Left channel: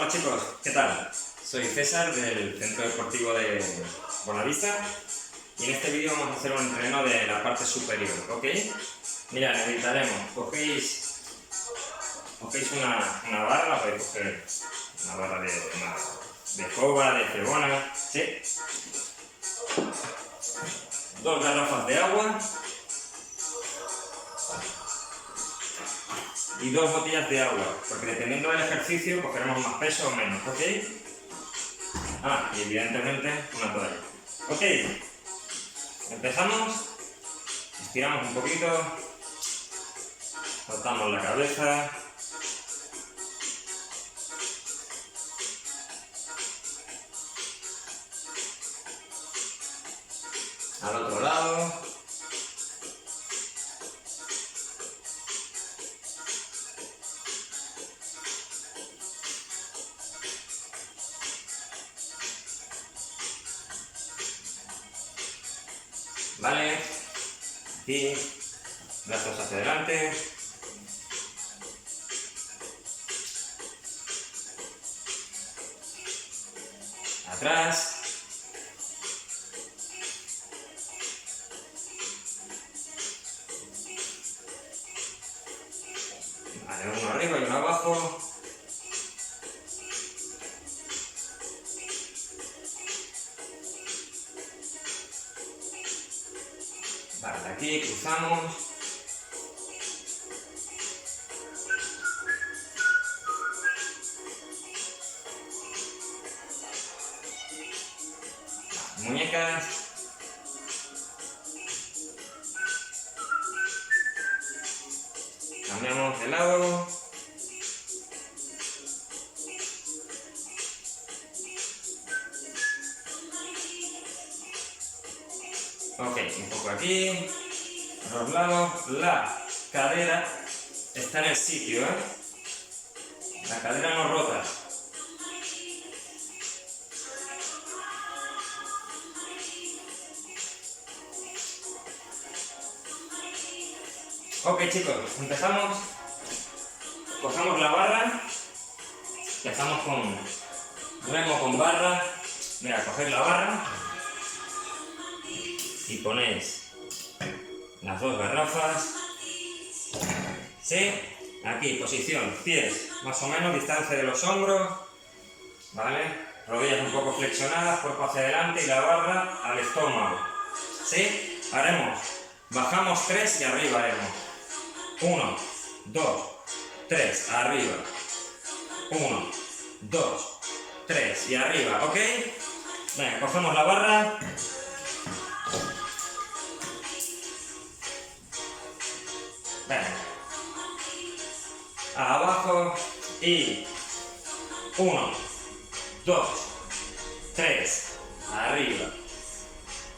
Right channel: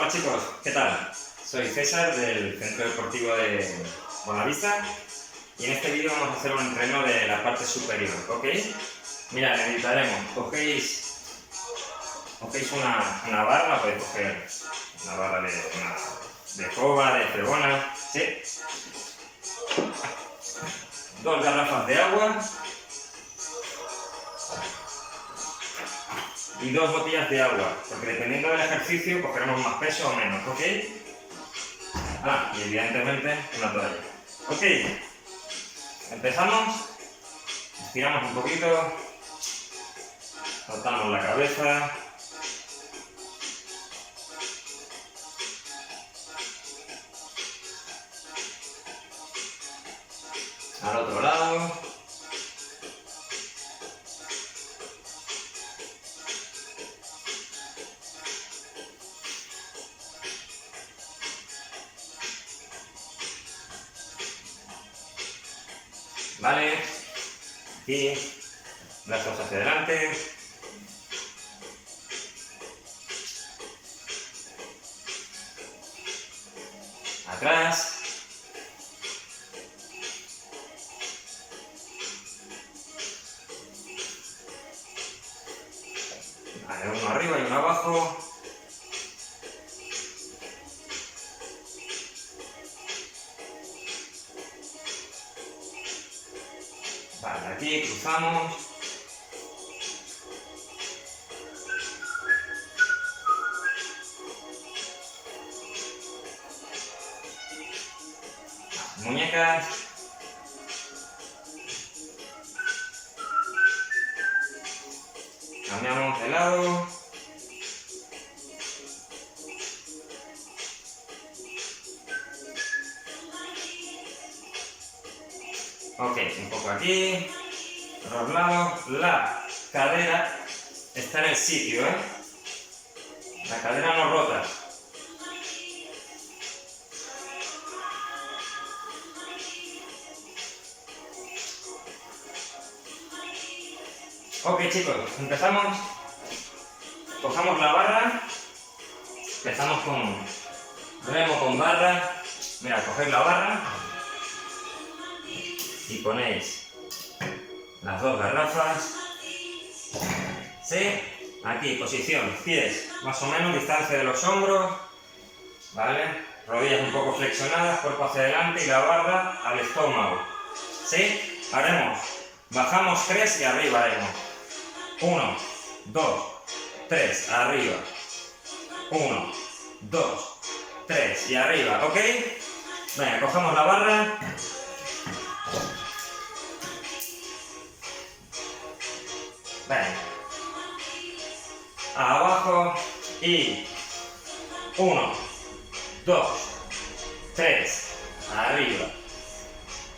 Hola chicos, ¿qué tal? Soy César del Centro Deportivo de Bonavista y en este vídeo vamos a hacer un entreno de la parte superior, ¿ok? Mirad, necesitaremos, cogéis una barra, podéis coger una barra de coba, de fregona, ¿sí? 2 garrafas de agua y 2 botellas de agua, porque dependiendo del ejercicio cogeremos más peso o menos, ¿ok? Y evidentemente una toalla. Ok, empezamos, estiramos un poquito, soltamos la cabeza, al otro lado, vale, aquí, brazos hacia adelante, atrás, vale, uno arriba y uno abajo, vale, aquí cruzamos, muñecas, cambiamos de lado, ok, un poco aquí, por los lados, la cadera está en el sitio, la cadera no rota. Ok chicos, empezamos, cogemos la barra, empezamos con remo con barra, mira, cogéis la barra y ponéis las 2 garrafas, ¿sí? Aquí, posición, pies más o menos, distancia de los hombros, ¿vale? Rodillas un poco flexionadas, cuerpo hacia adelante y la barra al estómago, ¿sí? Haremos, bajamos 3 y arriba haremos. 1, 2, 3, arriba. 1, 2, 3 y arriba, ¿ok? Venga, cogemos la barra. Venga. Abajo y 1, 2, 3, arriba.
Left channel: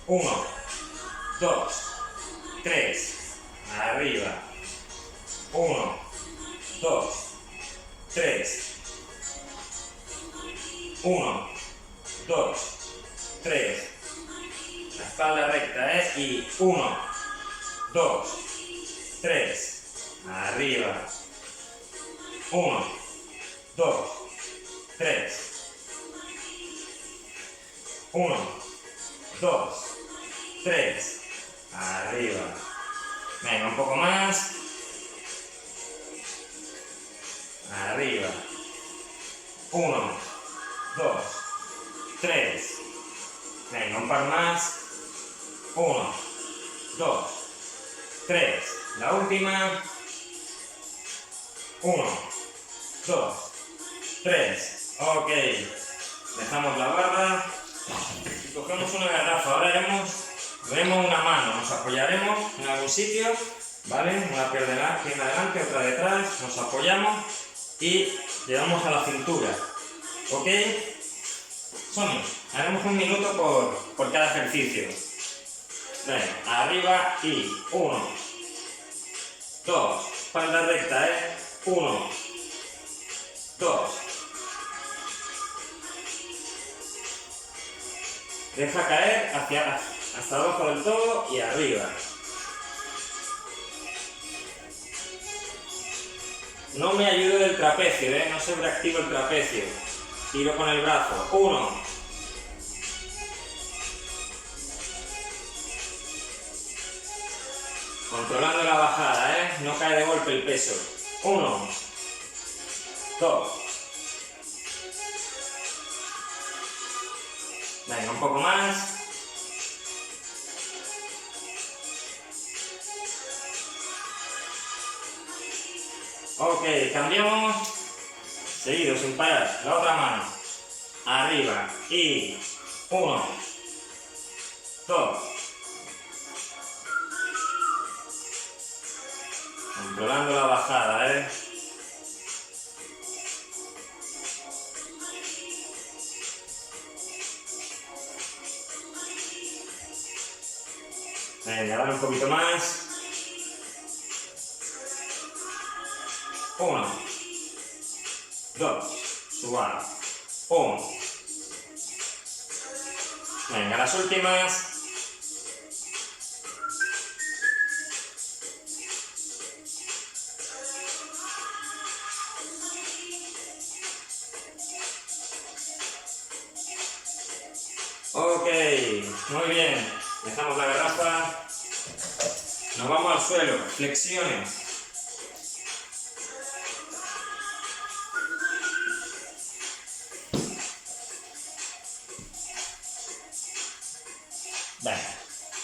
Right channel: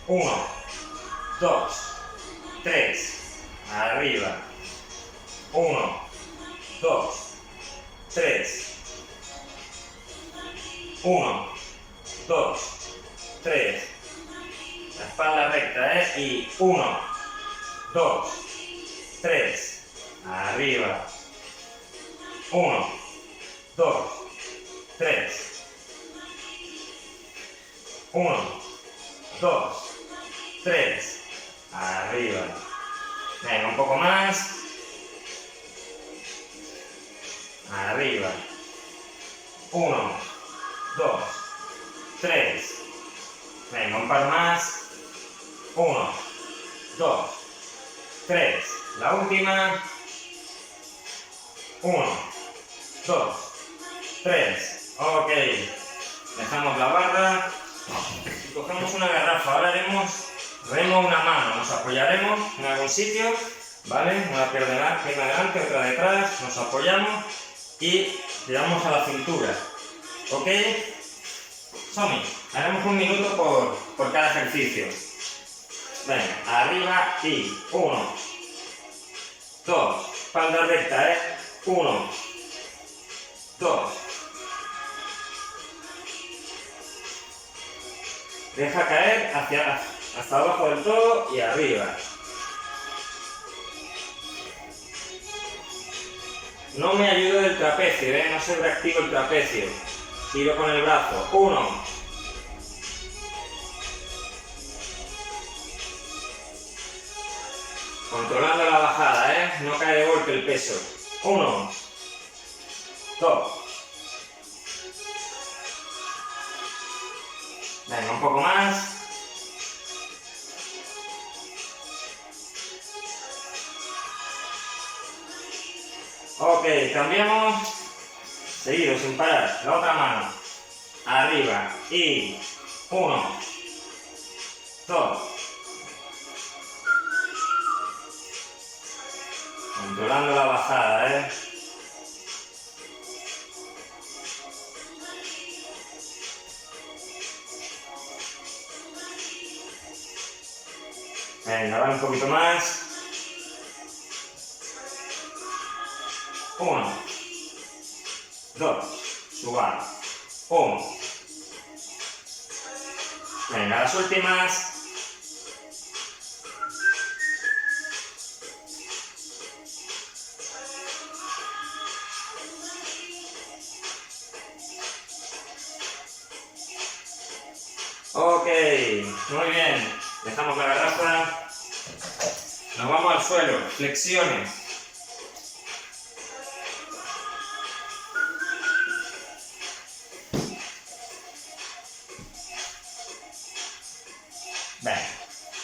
1, 2, 3, arriba. 1, 2, 3, 1, 2, 3, la espalda recta, y 1, 2, 3, arriba, 1, 2, 3, 1, 2, 3, arriba, venga, un poco más, arriba, 1, 2, 3, venga, un par más, 1, 2, 3, la última, 1, 2, 3, ok, dejamos la barra y cogemos una garrafa, ahora haremos remo una mano, nos apoyaremos en algún sitio, ¿vale? Una pierna adelante, otra detrás, nos apoyamos y llevamos a la cintura, ¿ok? Somos, haremos 1 minuto por cada ejercicio. Venga, arriba y 1, 2, espalda recta, 1, 2, deja caer hasta abajo del todo y arriba. No me ayudo del trapecio, no sobreactivo el trapecio. tiro con el brazo, 1, controlando la bajada, no cae de golpe el peso, 1, 2, venga, un poco más, ok, cambiamos, seguido, sin parar, la otra mano, arriba, y 1, 2, controlando la bajada, venga, ahora un poquito más, 1, 2, suave, 1, venga, las últimas, ok, muy bien, dejamos la garrafa, nos vamos al suelo, flexiones, venga,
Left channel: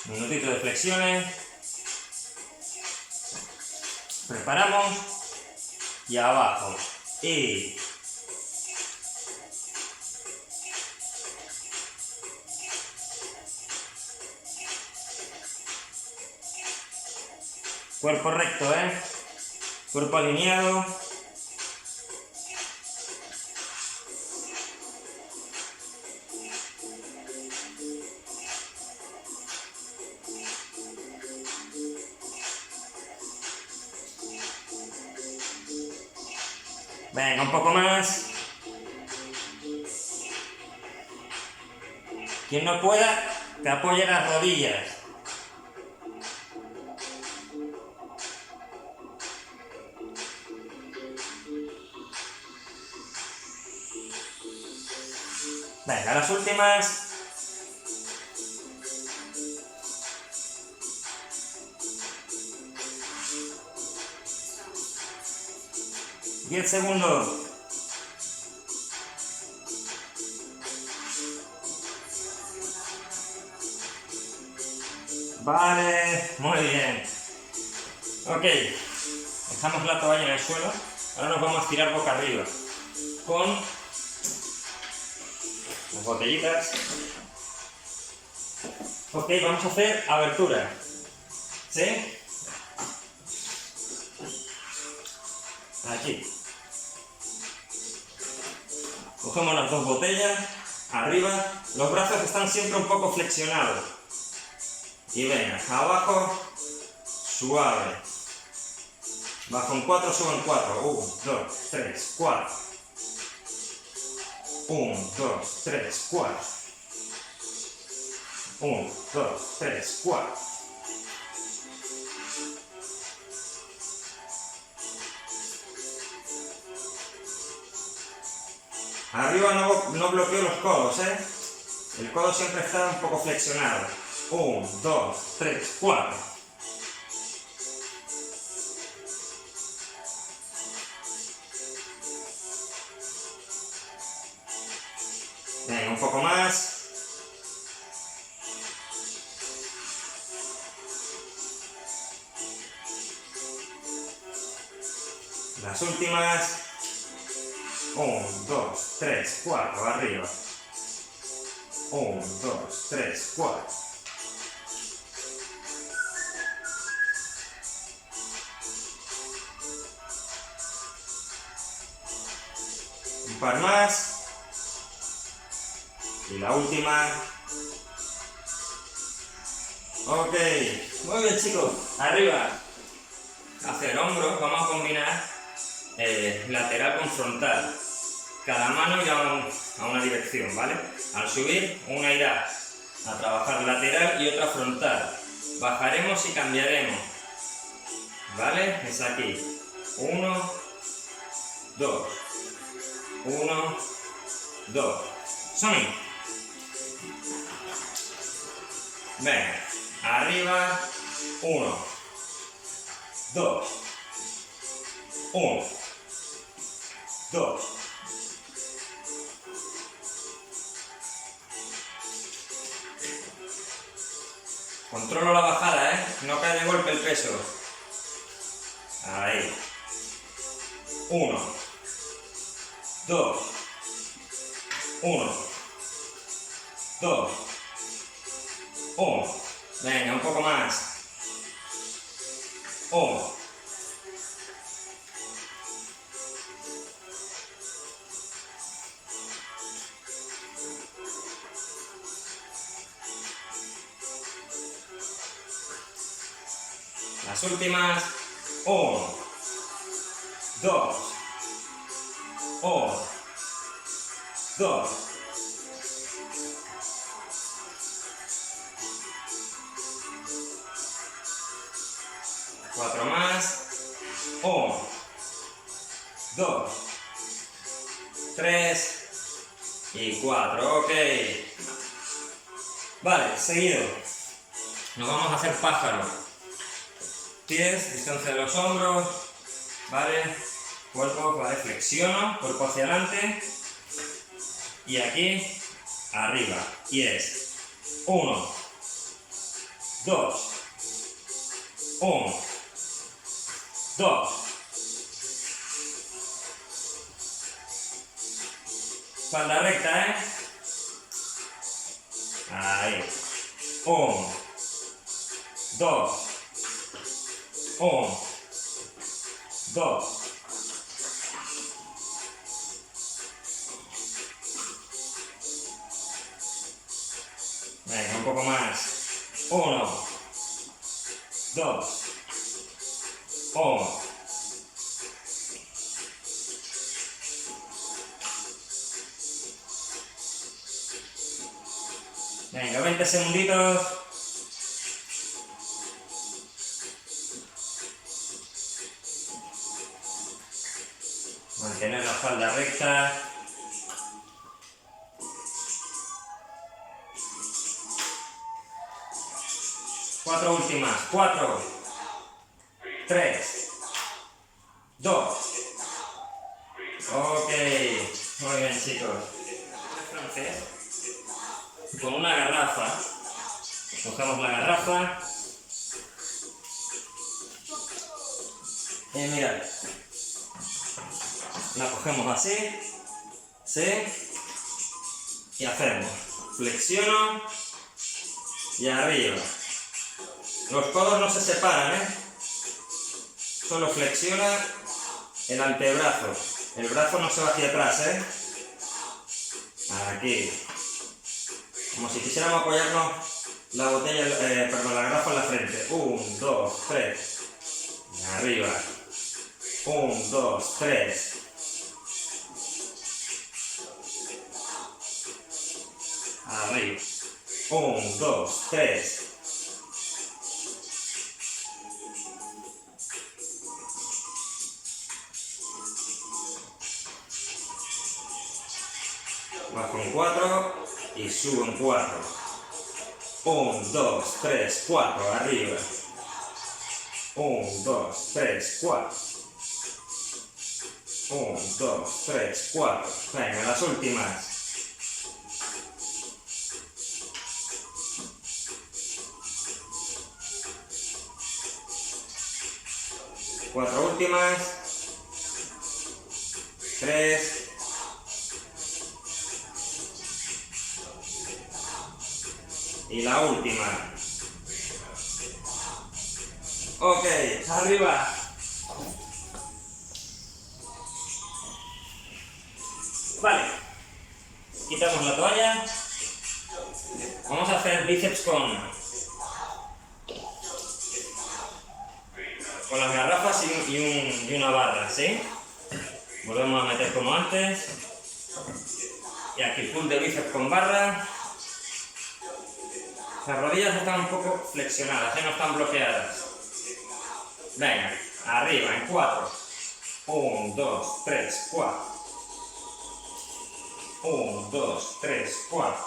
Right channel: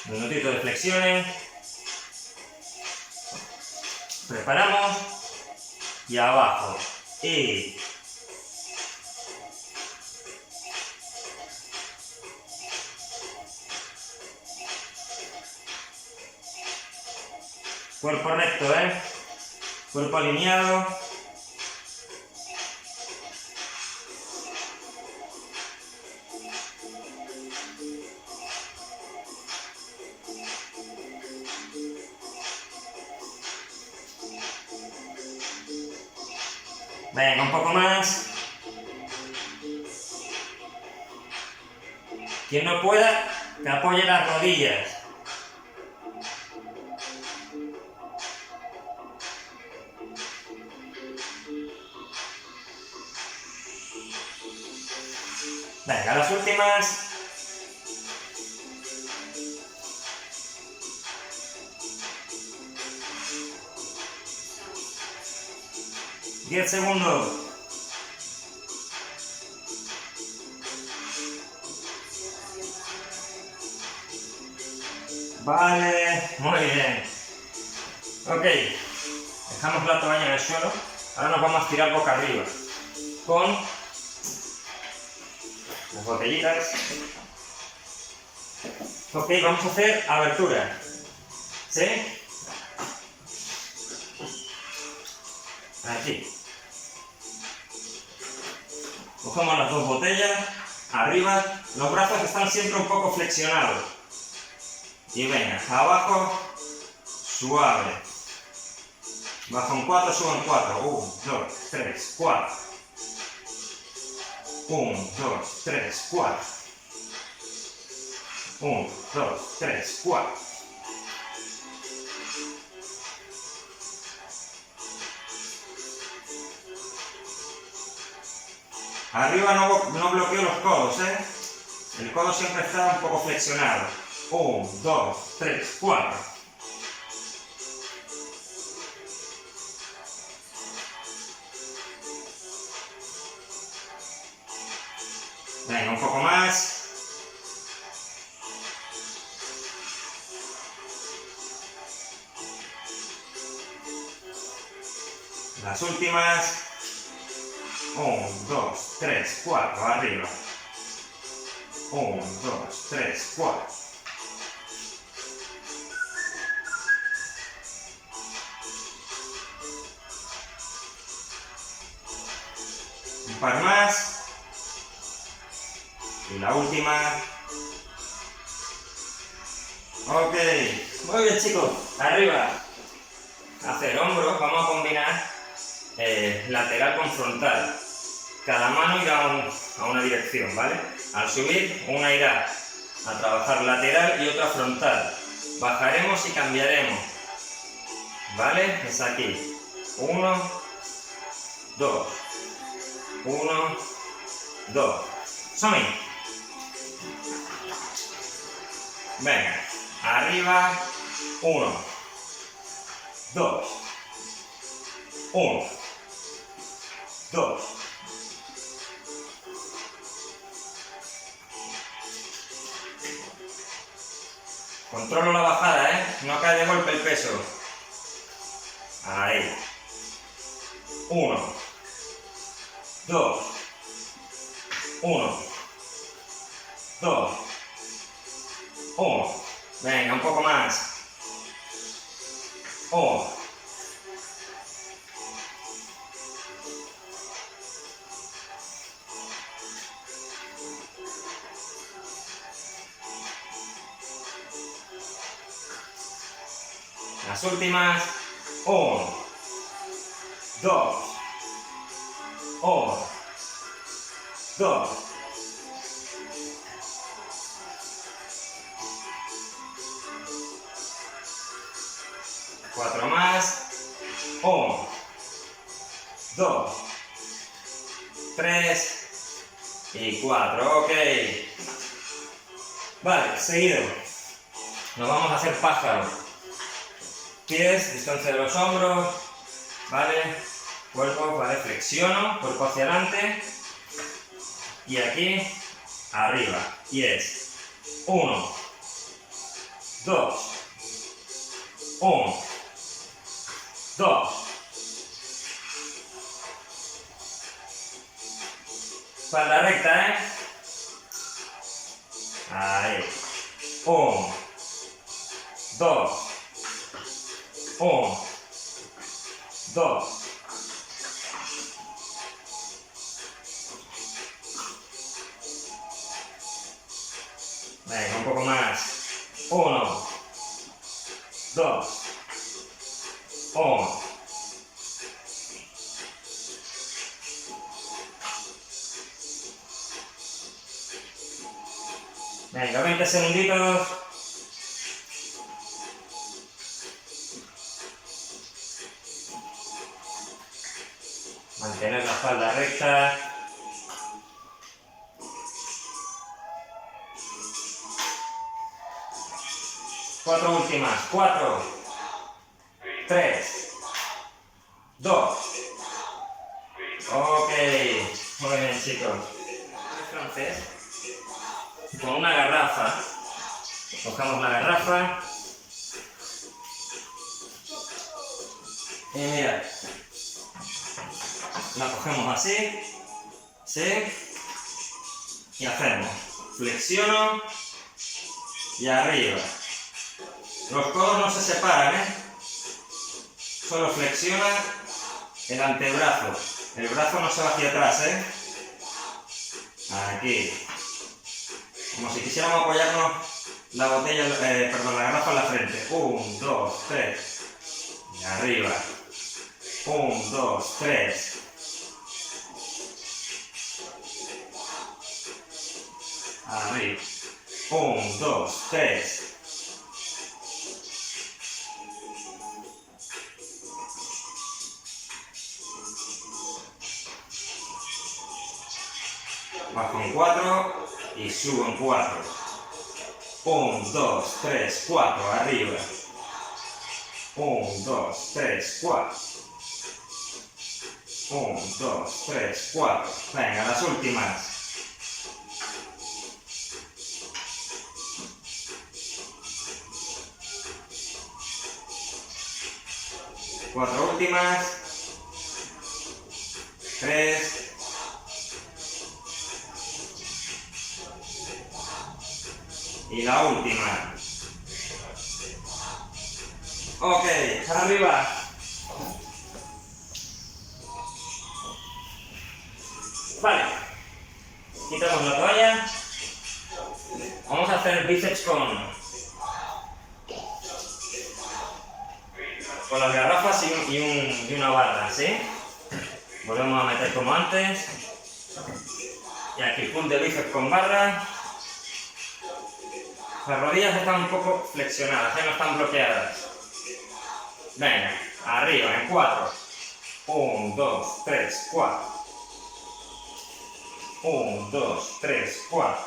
minutito de flexiones, preparamos y abajo, y cuerpo recto, cuerpo alineado, venga, un poco más, quien no pueda, que apoye las rodillas, venga, las últimas, ...10 segundos. Vale, muy bien. Ok, dejamos la toalla en el suelo. Ahora nos vamos a estirar boca arriba con las botellitas. Ok, vamos a hacer abertura. ¿Sí? Aquí. Cogemos las dos botellas, arriba, los brazos están siempre un poco flexionados. Y venga, abajo, suave. Bajo en 4, subo en 4. 1, 2, 3, 4. 1, 2, 3, 4. 1, 2, 3, 4. Arriba no bloqueo los codos, El codo siempre está un poco flexionado. 1, 2, 3, 4. Venga, un poco más. Las últimas. 1, 2, 3, 4, arriba. 1, 2, 3, 4. Un par más. Y la última. Ok, muy bien chicos, arriba. Hacia el hombro, vamos a combinar lateral con frontal. Cada mano irá a una dirección, ¿vale? Al subir, una irá a trabajar lateral y otra frontal. Bajaremos y cambiaremos, ¿vale? Es aquí. 1, 2, 1, 2. Sony. Venga, arriba, 1, 2, 1, 2. Controlo la bajada, no cae de golpe el peso. Ahí. 1, 2, 1, 2, 1. Venga, un poco más. 1. Las últimas. 1, 2, 1, 2. Cuatro más. 1, 2, 3 y 4. Ok. Vale, seguido. Nos vamos a hacer pájaro. Pies, distancia de los hombros. Vale. Cuerpo, vale. Flexiono, cuerpo hacia adelante. Y aquí, arriba. Y es 1, 2, 1, 2. Espalda recta, Ahí. 1, 2, 1, 2. Venga, un poco más. 1, 2, 1. Venga, 20 segunditos. Mantener la espalda recta. Cuatro últimas. 4, 3, 2. Ok. Muy bien, chicos. Francés. Con una garrafa. Cogemos la garrafa. Y mirad. La cogemos así. ¿Sí? Y hacemos. Flexiono. Y arriba. Los codos no se separan, Solo flexiona el antebrazo. El brazo no se va hacia atrás, Aquí. Como si quisiéramos apoyarnos la botella, la garrafa en la frente. 1, 2, 3. Y arriba. 1, 2, 3. Arriba. 1, 2, 3. Bajo en 4 y subo en 4. 1, 2, 3, 4. Arriba. 1, 2, 3, 4. 1, 2, 3, 4. Venga, las últimas. Cuatro últimas. 3. Y la última. Ok, arriba. Vale. Quitamos la toalla. Vamos a hacer bíceps con las garrafas y una barra, ¿sí? Volvemos a meter como antes. Y aquí pull de bíceps con barra. Las rodillas están un poco flexionadas, ya no están bloqueadas. Venga, arriba, en 4. 1, 2, 3, 4. 1, 2, 3, 4.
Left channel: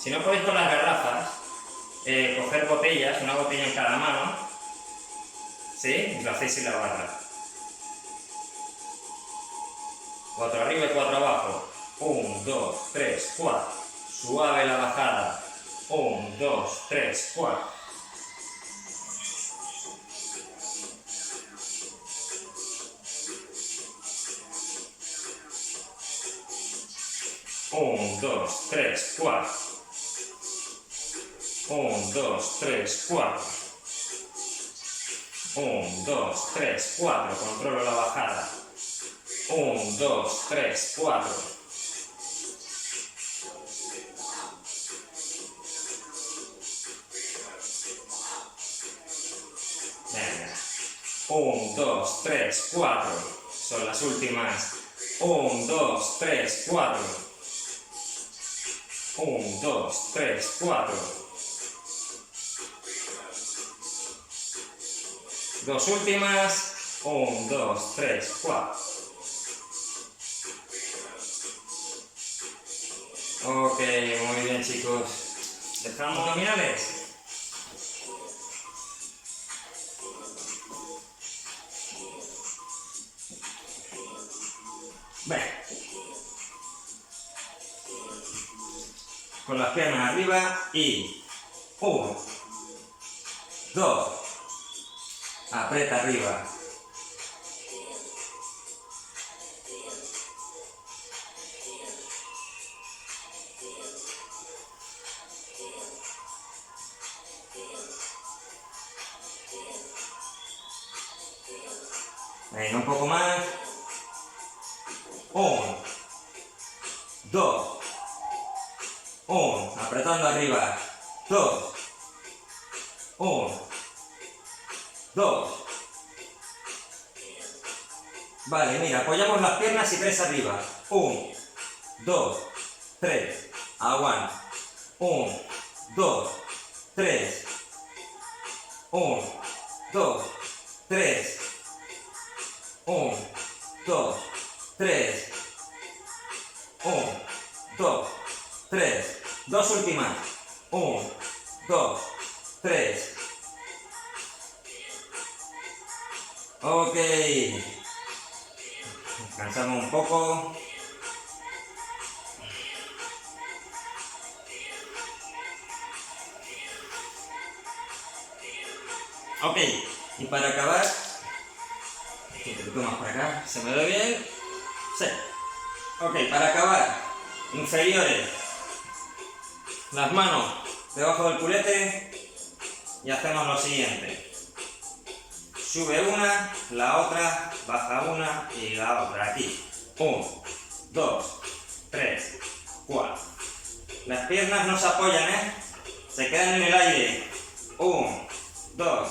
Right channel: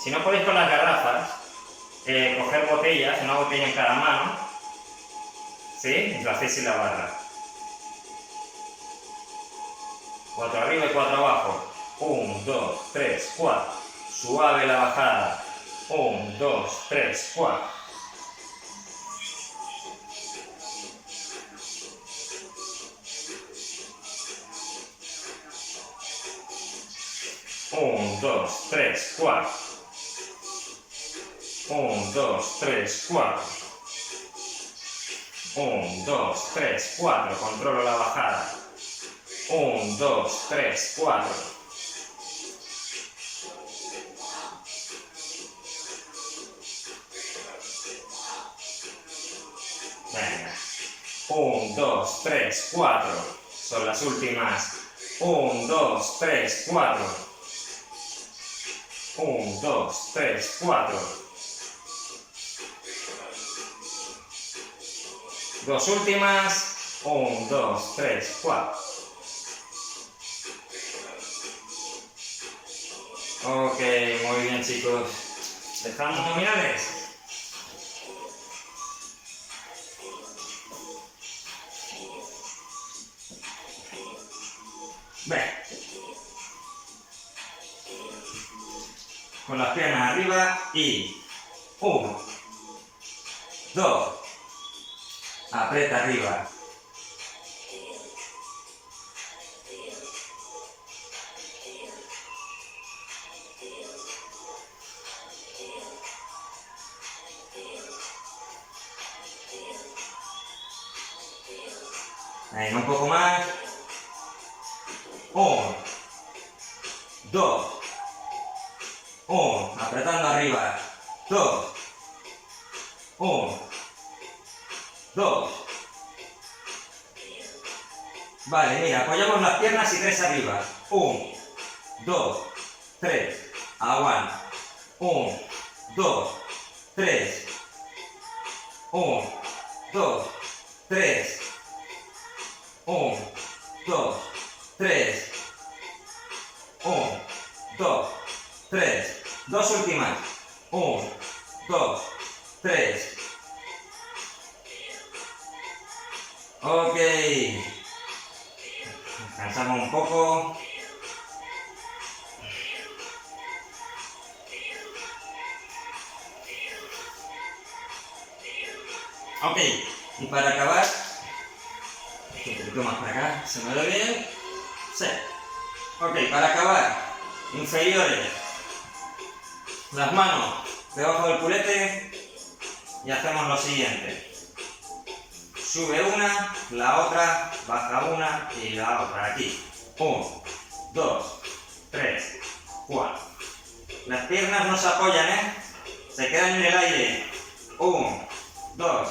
Si no podéis con las garrafas, coger botellas, una botella en cada mano, ¿sí? Y lo hacéis sin la barra. 4 arriba y 4 abajo. 1, 2, 3, 4. Suave la bajada. 1, 2, 3, 4. Un, dos, tres, cuatro. 1, 2, 3, 4. 1, 2, 3, 4. Controlo la bajada. 1, 2, 3, 4. Venga. 1, 2, 3, 4. Son las últimas. 1, 2, 3, 4. 1, 2, 3, 4. Dos últimas. 1, 2, 3, 4. Ok, muy bien, chicos. Dejamos abdominales. Ven. Con las piernas arriba y 1, 2, aprieta arriba. Ahí, un poco más. 1, 2, 1, apretando arriba. 2, 1, 2. Vale, mira, apoyamos las piernas y 3 arriba. 1, 2, 3. Aguanta. 1, 2, 3. 1, 2, 3. 1, 2, 3. 1, 2, 3. Dos últimas. 1, 2, 3. Ok. Descansamos un poco. Ok. Y para acabar, un poquito más para acá. ¿Se me ve bien? Sí. Ok, para acabar, inferiores. Las manos debajo del culete y hacemos lo siguiente. Sube una, la otra, baja una y la otra. Aquí. 1, 2, 3, 4. Las piernas no se apoyan, ¿eh? Se quedan en el aire. 1, 2,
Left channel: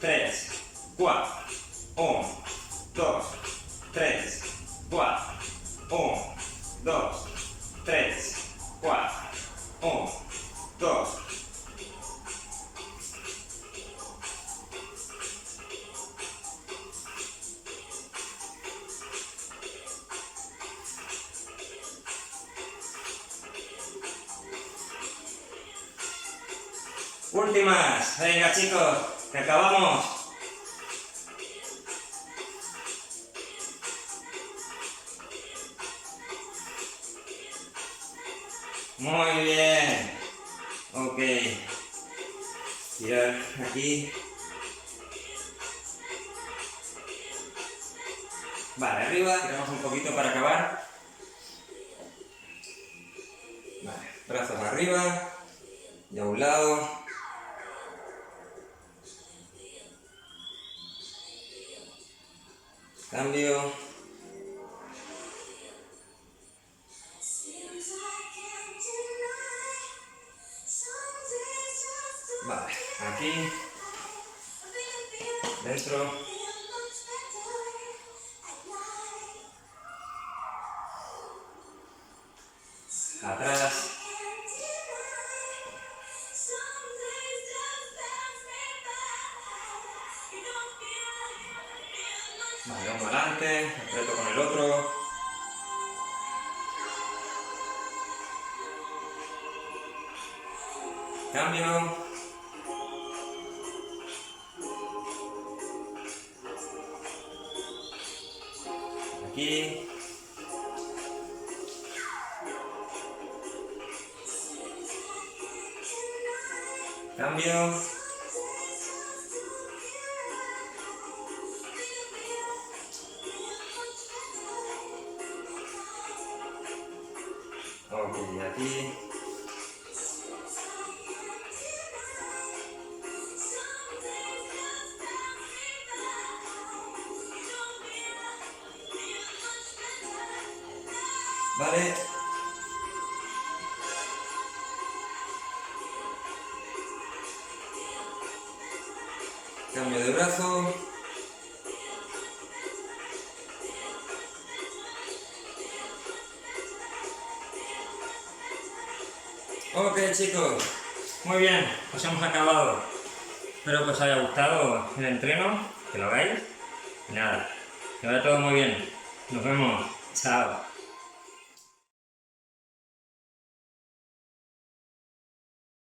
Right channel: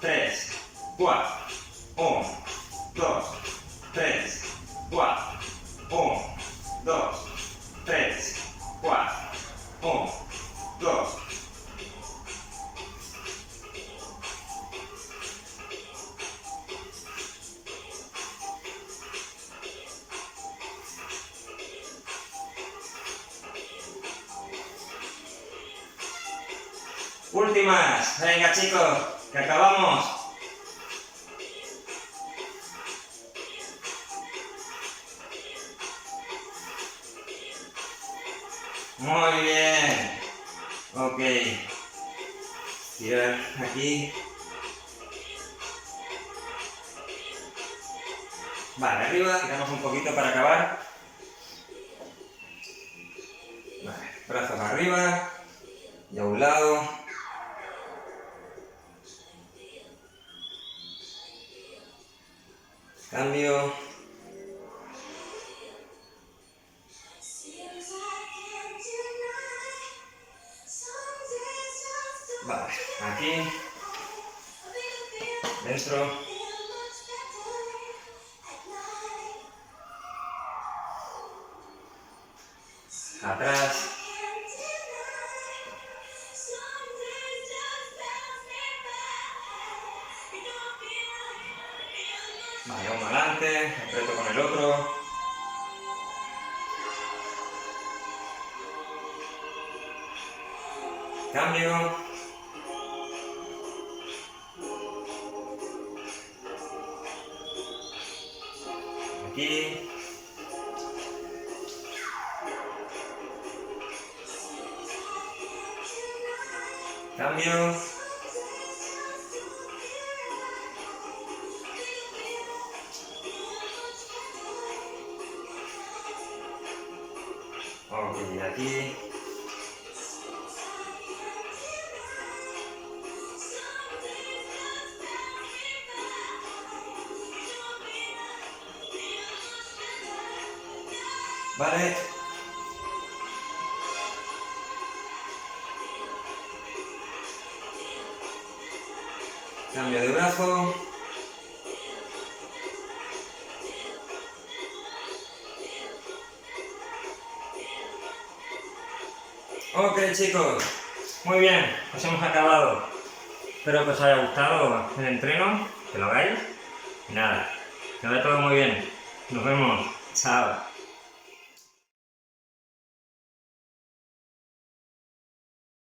3, 4. 1, 2, 3, 4. 1, 2, 3, 4. 1, 2. Últimas. Venga, chicos, que acabamos. Muy bien. Ok. Tirar aquí. Vale, arriba, tiramos un poquito para acabar. Vale, brazos arriba y a un lado. Cambio. Vale, aquí. Dentro. Atrás. Vale, uno adelante, apreto con el otro. Cambio. Aquí. Cambio. Ok, aquí. Vale. Cambio de brazo. Ok, chicos, muy bien, pues hemos acabado. Espero que os haya gustado el entreno, que lo hagáis. Y nada, que vaya todo muy bien. Nos vemos. Chao.